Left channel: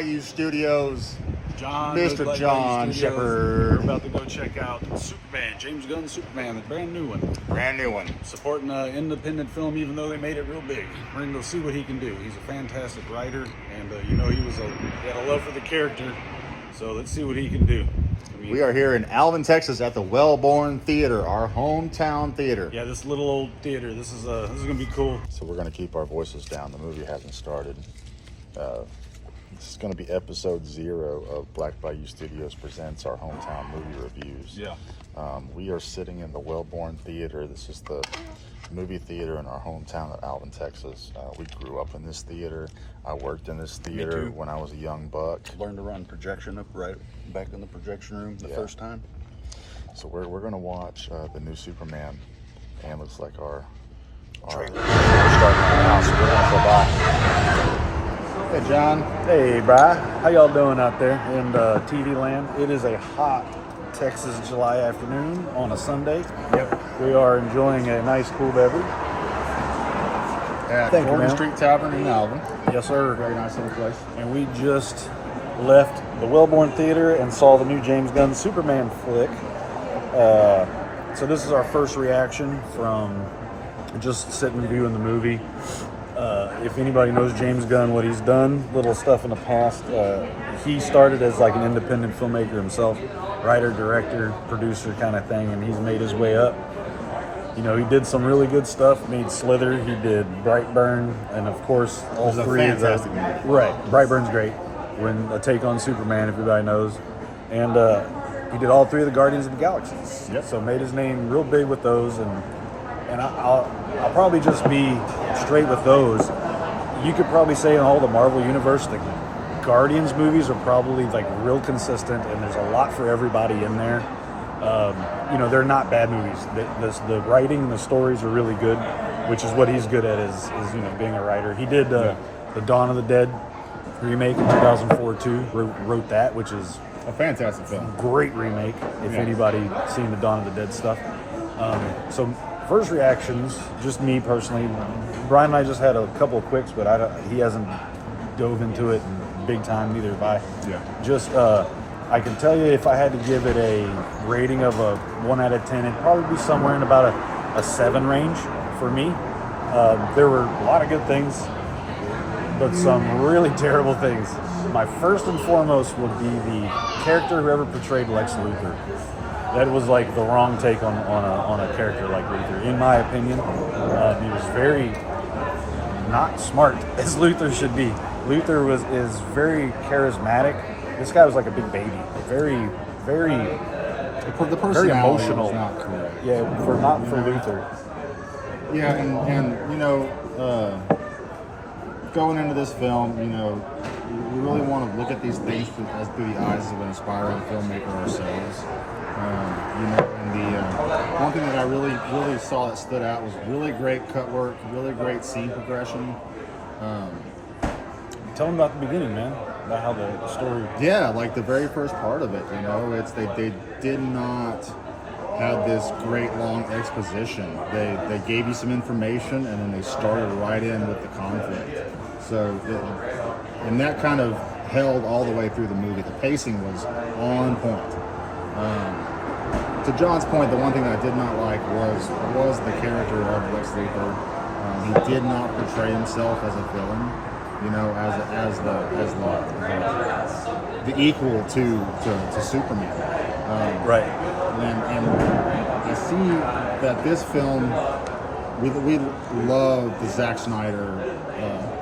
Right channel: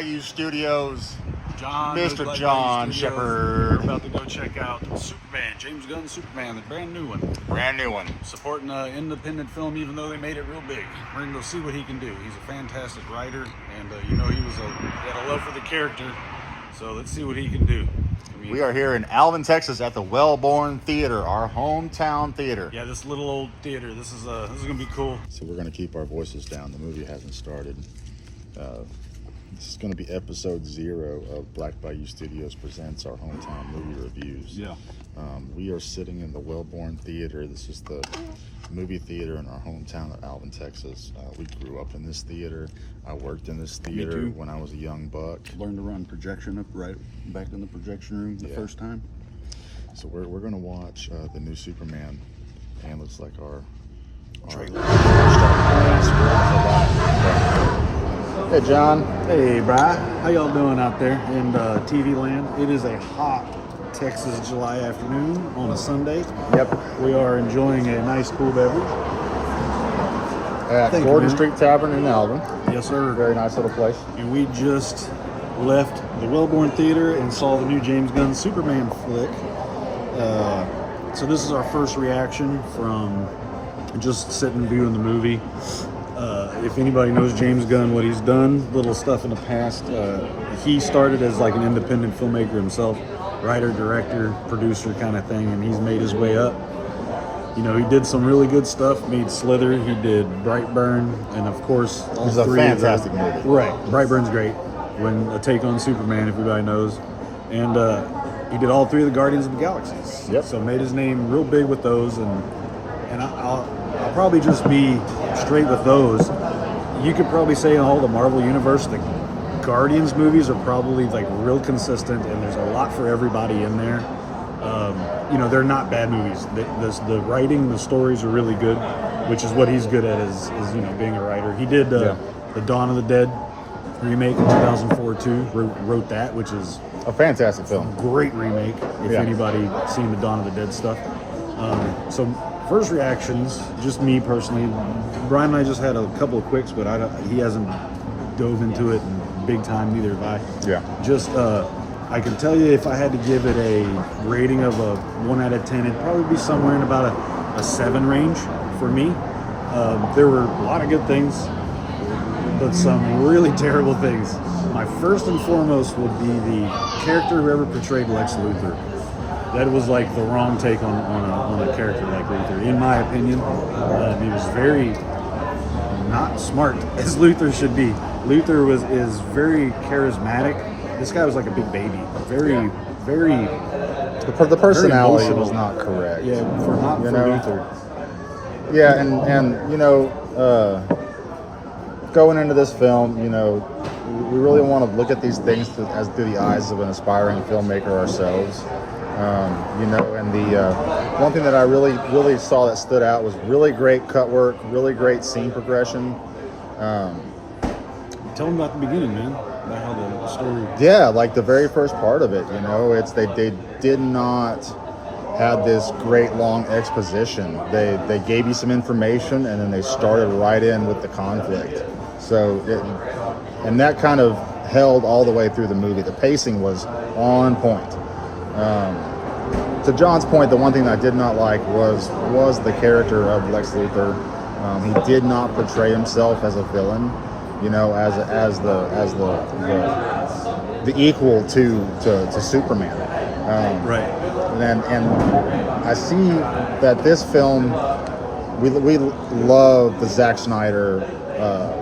Bayou Studios, John, Mr. John Shepherd. We're about to go check out Superman, James Gunn's Superman, the brand new one. Brand new one. Supporting an independent film, even though they made it real big. We're gonna go see what he can do. He's a fantastic writer, and he had a love for the character. So let's see what he can do. We are here in Alvin, Texas, at the Wellborn Theater, our hometown theater. Yeah, this little old theater. This is gonna be cool. So we're gonna keep our voices down. The movie hasn't started. This is going to be episode 0 of Black Bayou Studios presents our hometown movie reviews. Yeah. We are sitting in the Wellborn Theater. This is the movie theater in our hometown of Alvin, Texas. We grew up in this theater. I worked in this theater when I was a young buck. Learned to run projection up right back in the projection room the first time. So we're going to watch the new Superman, and looks like our starting house. We're going to go by. Hey, John. Hey, Bri. How y'all doing out there in TV land? It is a hot Texas July afternoon on a Sunday. Yep. We are enjoying a nice cool beverage. At Gordon Street Tavern in Alvin. Yes, sir. Very nice little place. And we just left the Wellborn Theater and saw the new James Gunn Superman flick. So this is our first reaction from just sitting viewing the movie. If anybody knows James Gunn, what he's done, little stuff in the past, he started as like an independent filmmaker himself, writer, director, producer kind of thing, and he's made his way up. You know, he did some really good stuff, made Slither, he did Brightburn, and of course, all three of them. Fantastic movie. Right, Brightburn's great, when a take on Superman, if everybody knows. And he did all 3 of the Guardians of the Galaxies. Yep. So made his name real big with those, and I'll probably just be straight with those. You could probably say in all the Marvel universe, the Guardians movies are probably like real consistent, and there's a lot for everybody in there. You know, they're not bad movies. The writing, the stories are really good, which is what he's good at is you know, being a writer. He did the Dawn of the Dead remake in 2004 too. Wrote that, which is A fantastic film. Great remake. If anybody seen the Dawn of the Dead stuff. So first reactions, just me personally. Brian and I just had a couple of quicks, but he hasn't dove into it big time, neither have I. Yeah. Just, I can tell you if I had to give it a rating of a 1 out of 10, it'd probably be somewhere in about a 7 range for me. There were a lot of good things, but some really terrible things. My first and foremost would be the character whoever portrayed Lex Luthor. That was like the wrong take on a character like Luthor, in my opinion. He was very not smart, as Luthor should be. Luthor is very charismatic. This guy was like a big baby, very The personality was not correct. Yeah, for Luthor. Yeah, and you know, going into this film, you know, we really want to look at these things through the eyes of an aspiring filmmaker ourselves. You know, and the one thing that I really saw that stood out was really great cut work, really great scene progression. Tell them about the beginning, man. About how the story. Yeah, like the very first part of it. You know, they did not have this great long exposition. They gave you some information and then they started right in with the conflict. And that kind of held all the way through the movie. The pacing was on point. To John's point, the one thing I did not like was the character of Lex Luthor. He did not portray himself as a villain, you know, as the equal to Superman. Right. And I see that this film, we love the Zack Snyder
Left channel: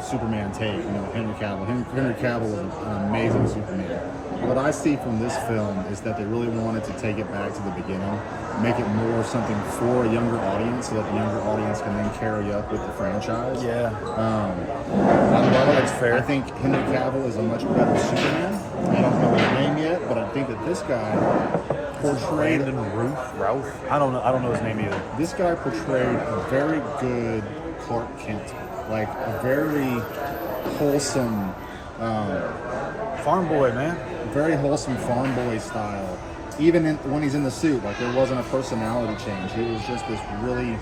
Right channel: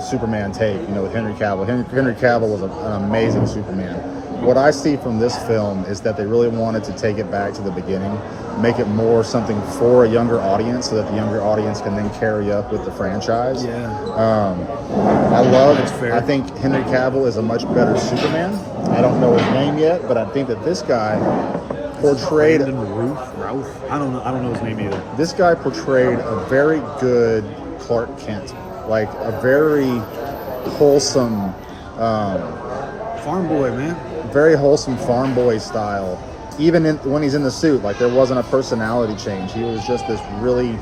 Superman take, you know, with Henry Cavill. Henry Cavill was an amazing Superman. What I see from this film is that they really wanted to take it back to the beginning, make it more something for a younger audience so that the younger audience can then carry up with the franchise. Yeah. That's fair. I think Henry Cavill is a much better Superman. I don't know his name yet, but I think that this guy portrayed Ralph. I don't know his name either. This guy portrayed a very good Clark Kent, like a very wholesome farm boy, man. Very wholesome farm boy style. Even when he's in the suit, like there wasn't a personality change. He was just this really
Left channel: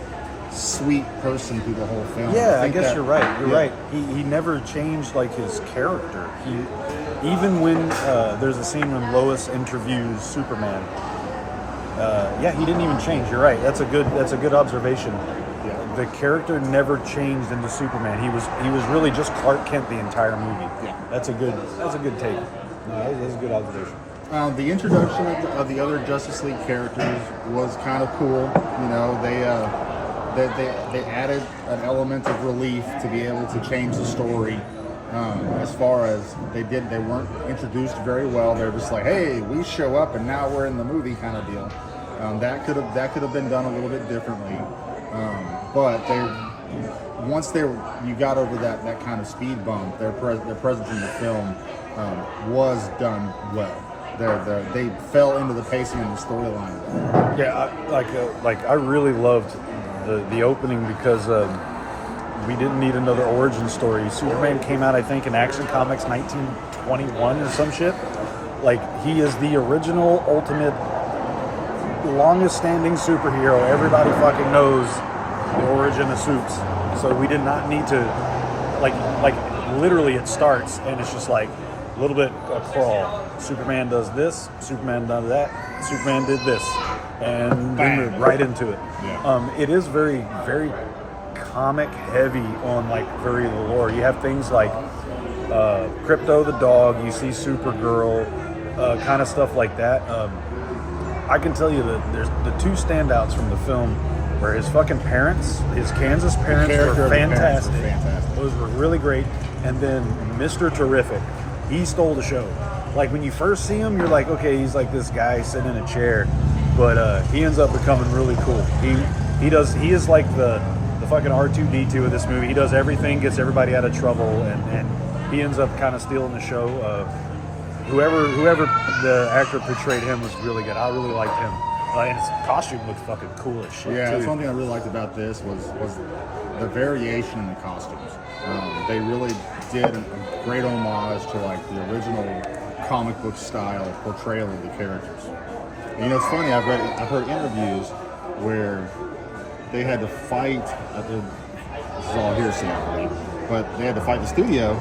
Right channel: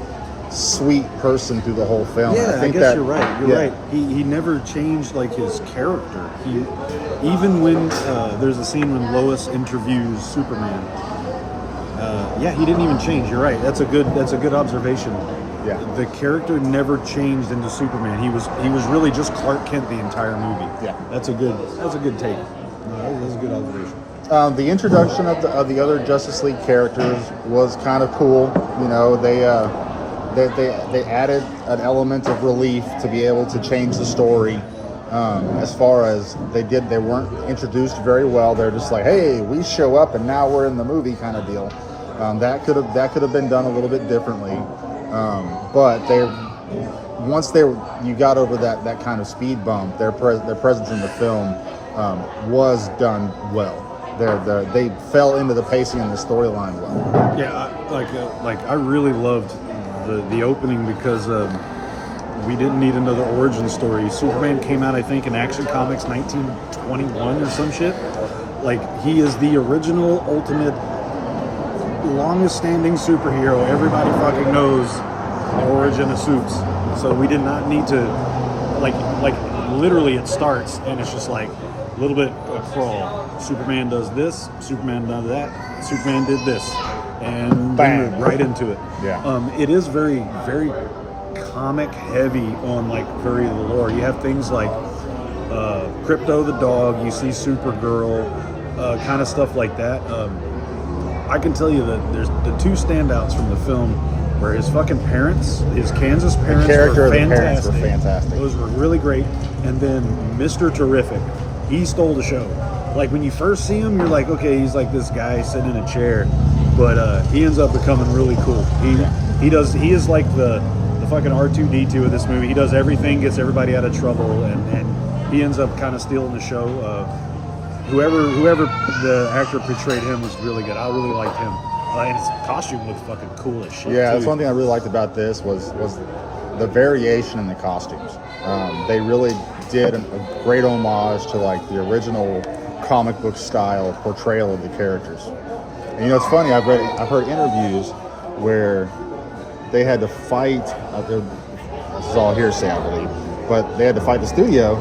sweet person through the whole film. Yeah, I guess you're right. You're right. He never changed like his character. even when there's a scene when Lois interviews Superman, yeah, he didn't even change. You're right. That's a good observation. Yeah. The character never changed into Superman. He was really just Clark Kent the entire movie. Yeah. That's a good take. No, that's a good observation. The introduction of the other Justice League characters was kind of cool. You know, they added an element of relief to be able to change the story. As far as they weren't introduced very well. They're just like, hey, we show up and now we're in the movie kind of deal. That could have been done a little bit differently. But you got over that kind of speed bump, their presence in the film was done well. They fell into the pacing and the storyline well. Yeah, I really loved the opening because we didn't need another origin story. Superman came out, I think, in Action Comics 1921 or some shit. Like, he is the original, ultimate, longest-standing superhero. Everybody fucking knows the origin of Supes. So we did not need to, like literally it starts and it's just like a little bit a crawl. Superman does this, Superman does that, Superman did this, and then we're right into it. Yeah. It is very, very comic heavy on like very lore. You have things like Crypto the dog, you see Supergirl, kind of stuff like that. I can tell you that there's the two standouts from the film where his fucking parents, his Kansas parents were fantastic. Those were really great. And then Mr. Terrific, he stole the show. Like when you first see him, you're like, okay, he's like this guy sitting in a chair, but he ends up becoming really cool. He is like the fucking R2-D2 of this movie. He does everything, gets everybody out of trouble, and he ends up kind of stealing the show. Whoever the actor portrayed him was really good. I really liked him. And his costume looked fucking cool as shit. Yeah, too. that's one thing I really liked about this was the variation in the costumes. They really did a great homage to like the original comic book style portrayal of the characters. And you know, it's funny. I've heard interviews where they had to fight. This is all hearsay, I believe, but they had to fight the studio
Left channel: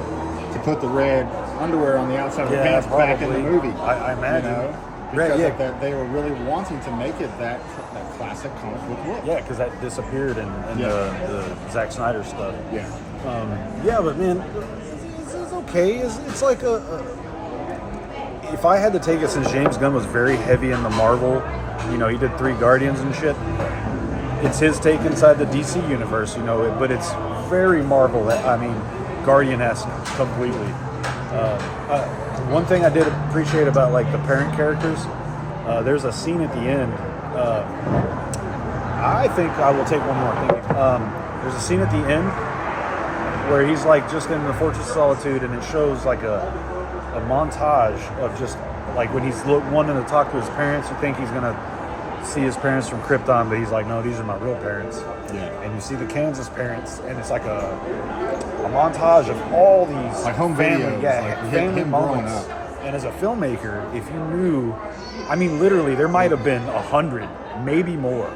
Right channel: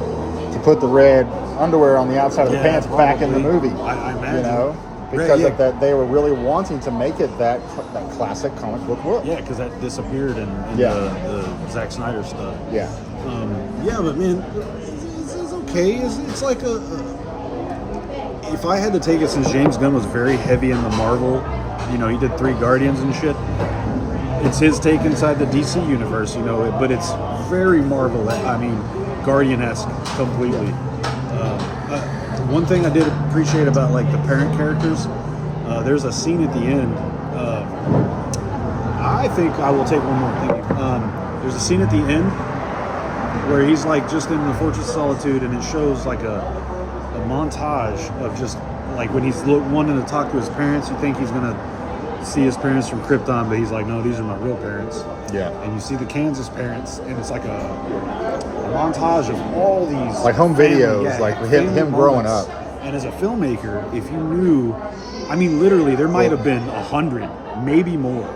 to put the red underwear on the outside of the pants back in the movie. I imagine. You know, because of that, they were really wanting to make it that classic comic book look. Yeah, because that disappeared in the Zack Snyder stuff. Yeah. Yeah, but man, it's okay. It's like if I had to take it, since James Gunn was very heavy in the Marvel, you know, he did 3 Guardians and shit. It's his take inside the DC universe, you know, but it's very Marvel. I mean, Guardian-esque completely. One thing I did appreciate about like the parent characters, there's a scene at the end. I think I will take one more. Thank you. There's a scene at the end where he's like just in the Fortress of Solitude, and it shows like a montage of just like when he's wanting to talk to his parents. You think he's gonna see his parents from Krypton, but he's like, no, these are my real parents. Yeah. And you see the Kansas parents, and it's like a montage of all these like home videos, like him growing up. And as a filmmaker, if you knew, I mean, literally, there might have been 100, maybe more.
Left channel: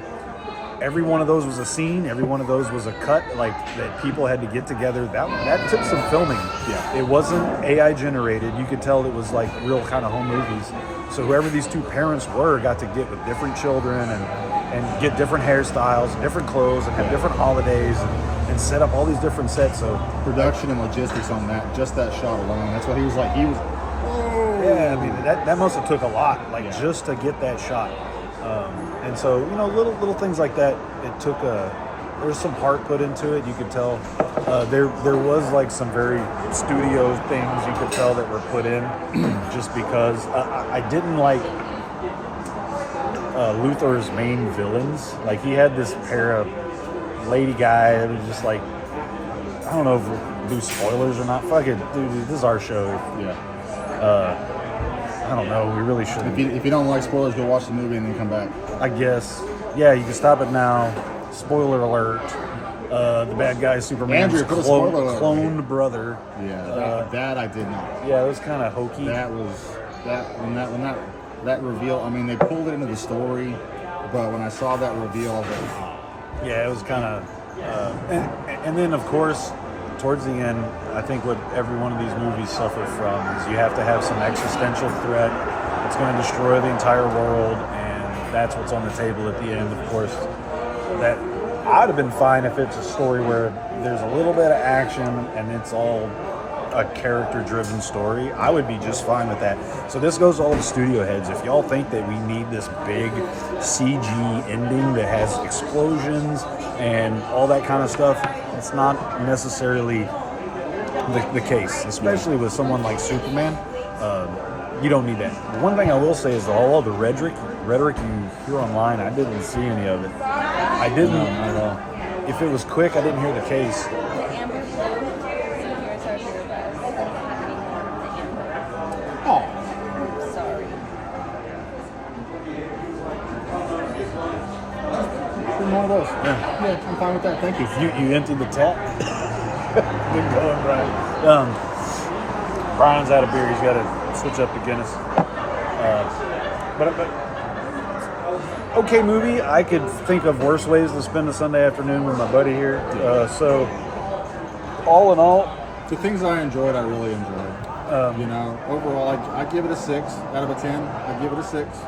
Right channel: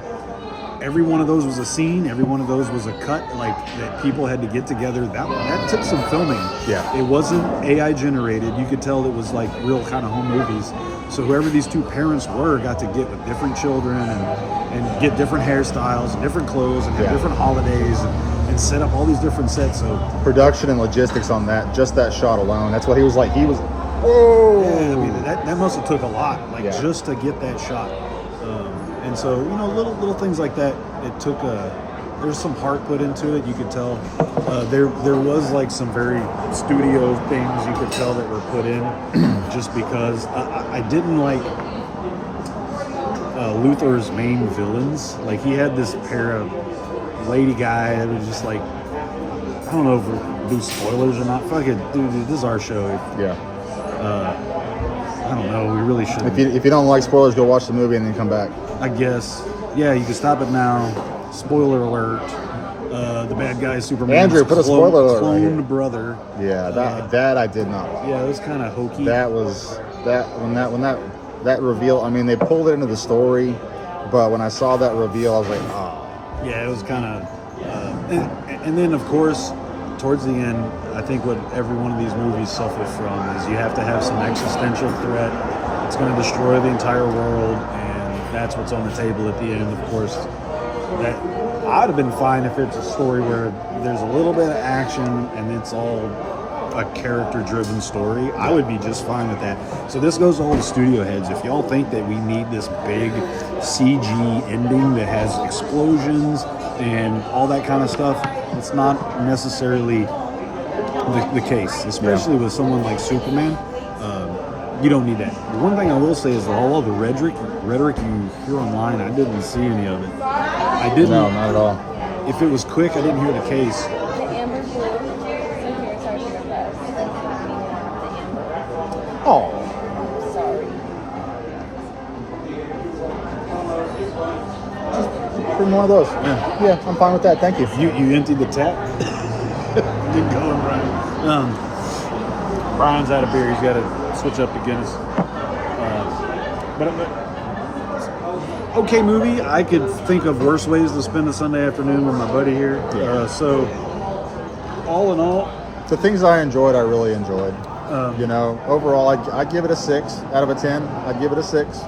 Every one of those was a scene. Every one of those was a cut, like that people had to get together. That took some filming. Yeah. It wasn't AI generated. You could tell it was like real kind of home movies. So whoever these two parents were got to get with different children and get different hairstyles and different clothes and have different holidays and set up all these different sets. So production and logistics on that, just that shot alone, that's what he was like. He was, whoa. Yeah, I mean, that must have took a lot, like just to get that shot. And so, you know, little things like that, it took there's some heart put into it. You could tell there was like some very studio things you could tell that were put in just because I didn't like Luthor's main villains. Like, he had this pair of lady guy that was just like, I don't know if we do spoilers or not. Fuck it, dude, this is our show. Yeah. I don't know, we really shouldn't. If you don't like spoilers, go watch the movie and then come back. I guess. Yeah, you can stop it now. Spoiler alert. The bad guy is Superman's Andrew, put a spoiler alert cloned right brother. Yeah, that I did not like. Yeah, it was kind of hokey. When that reveal, I mean, they pulled it into the story, but when I saw that reveal, I was like, oh. Yeah, it was kind of... and then, of course, towards the end, I think what every one of these movies suffer from is you have to have some existential threat. It's going to destroy the entire world, and that's what's on the table at the end. Of course, that I'd have been fine if it's a story where there's a little bit of action and it's all a character-driven story. I would be just fine with that. So this goes to all the studio heads. If y'all think that we need this big CG ending that has explosions and all that kind of stuff, it's not necessarily the case, especially with someone like Superman. You don't need that. The one thing I will say is all the rhetoric you hear online, I didn't see any of it. I didn't. No, not at all. If it was quick, I didn't hear the case. Oh. Bring one of those. Yeah, I'm fine with that. Thank you. You emptied the tap. Good going, Brian. Brian's out of beer. He's got to switch up to Guinness. But okay movie. I could think of worse ways to spend a Sunday afternoon with my buddy here. Yeah. So all in all, The things I enjoyed, I really enjoyed. Overall, I give it a 6 out of a 10. I'd give it a 6.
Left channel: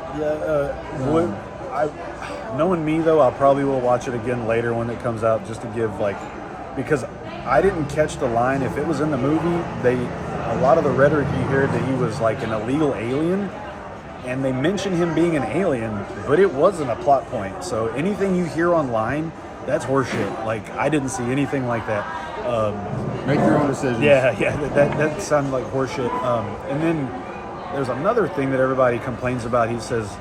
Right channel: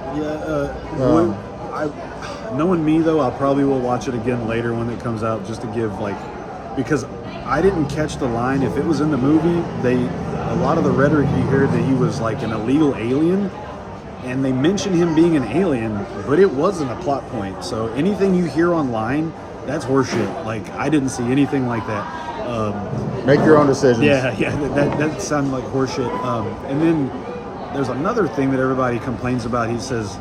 Knowing me though, I probably will watch it again later when it comes out, just to give because I didn't catch the line. If it was in the movie, a lot of the rhetoric you hear that he was like an illegal alien, and they mention him being an alien, but it wasn't a plot point. So anything you hear online, that's horseshit. Like, I didn't see anything like that. Make your own decisions. Yeah, that sounded like horseshit. And then there's another thing that everybody complains about. He says,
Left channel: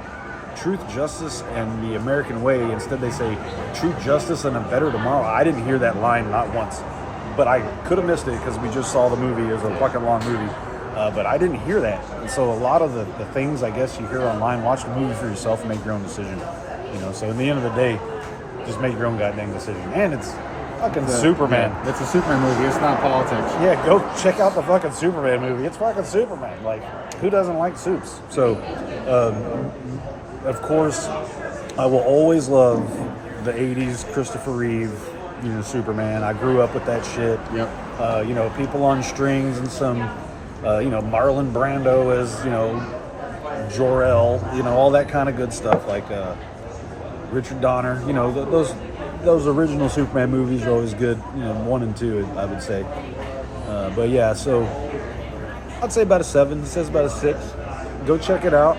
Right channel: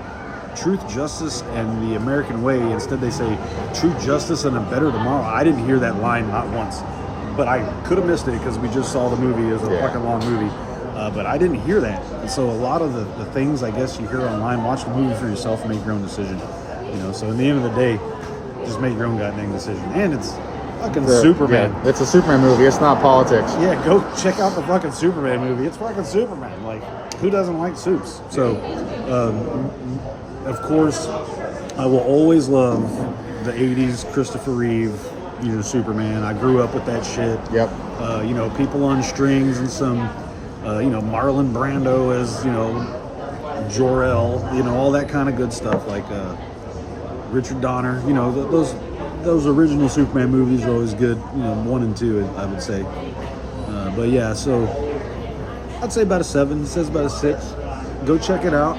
truth, justice, and the American way. Instead, they say truth, justice, and a better tomorrow. I didn't hear that line not once, but I could have missed it because we just saw the movie. It was a fucking long movie, but I didn't hear that. And so a lot of the things I guess you hear online, watch the movie for yourself and make your own decision. So in the end of the day, just make your own goddamn decision. And it's fucking Superman. Yeah, it's a Superman movie. It's not politics. Yeah, go check out the fucking Superman movie. It's fucking Superman. Like, who doesn't like Supes? So, of course, I will always love the 80s Christopher Reeve, Superman. I grew up with that shit. Yep. People on strings and some, Marlon Brando as, Jor-El, all that kind of good stuff. Like Richard Donner, those original Superman movies are always good. 1 and 2, I would say. But yeah, so I'd say about a 7. It says about a 6. Go check it out.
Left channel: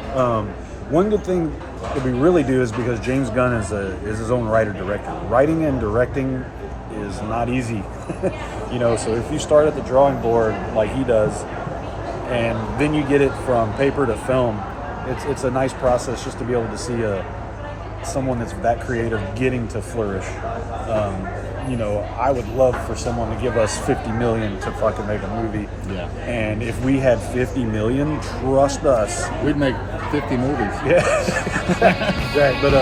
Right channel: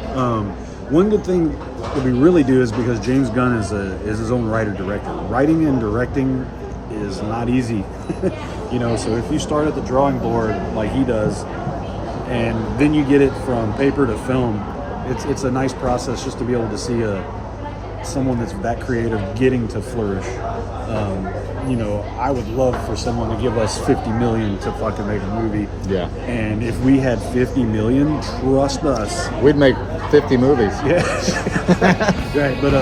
One good thing that we really do is because James Gunn is his own writer-director. Writing and directing is not easy. So if you start at the drawing board like he does, and then you get it from paper to film, it's a nice process just to be able to see someone that's that creative getting to flourish. I would love for someone to give us $50 million to fucking make a movie. Yeah. And if we had $50 million, trust us, We'd make 50 movies. yeah. Right, but